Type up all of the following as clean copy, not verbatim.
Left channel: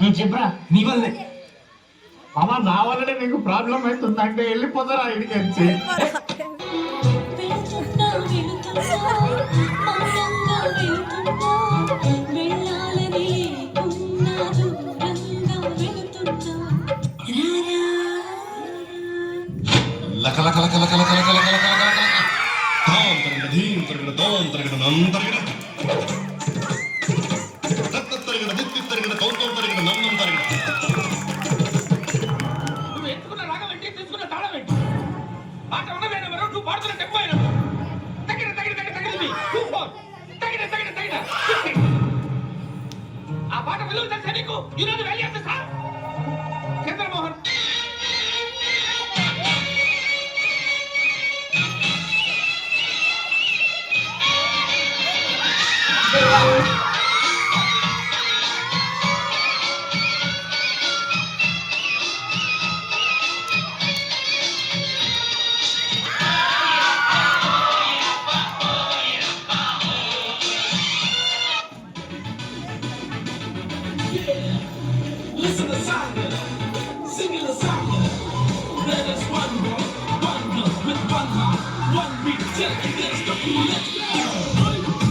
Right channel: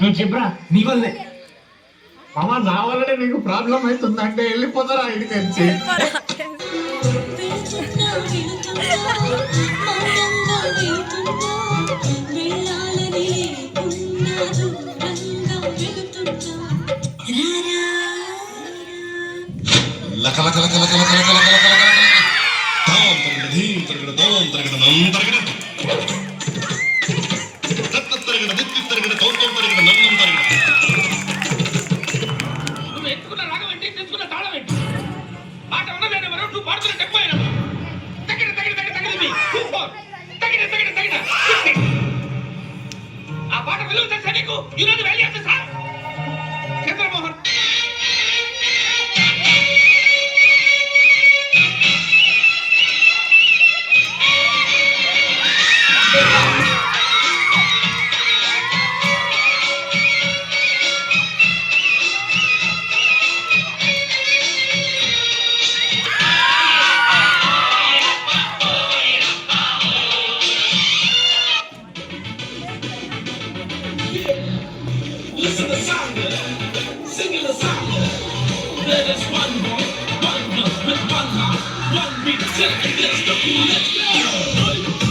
నువ్వు చెప్పరా నీ వల్లే మామ, నా వల్లనే నీకు ప్రాబ్లం అవుతుందంటే వెళ్ళిపోతారా ఇంటికి వచ్చి. ఆ పాట విలువ తెలుసా నీకు? ఈరోజు వెళ్ళి తెలుసా Chandramohan? Listen to Sandra, singing the song. There is one more, one plus with one heart, one beat, check, let's go, let's go.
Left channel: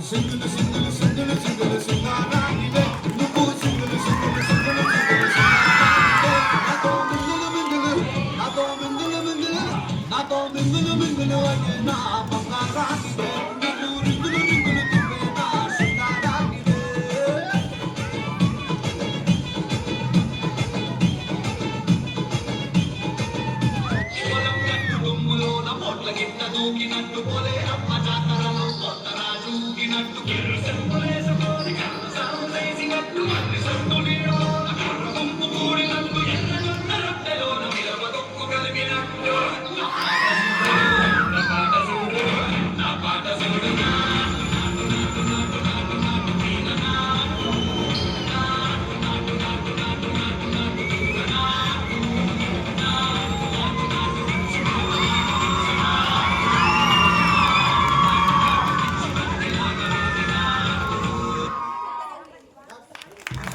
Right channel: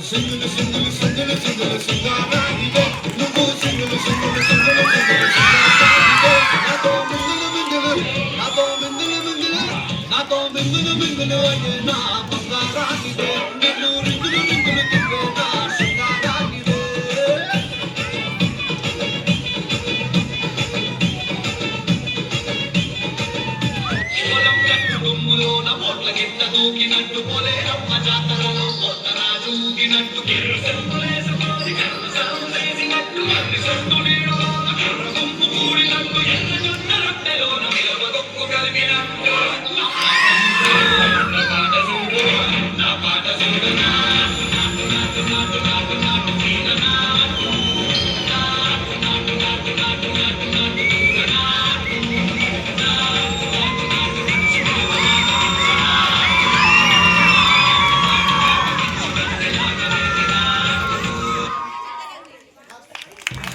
Single, single, single, single, single, నాతో మింగులు మింగులు నాతో మింగులు మింగులు నా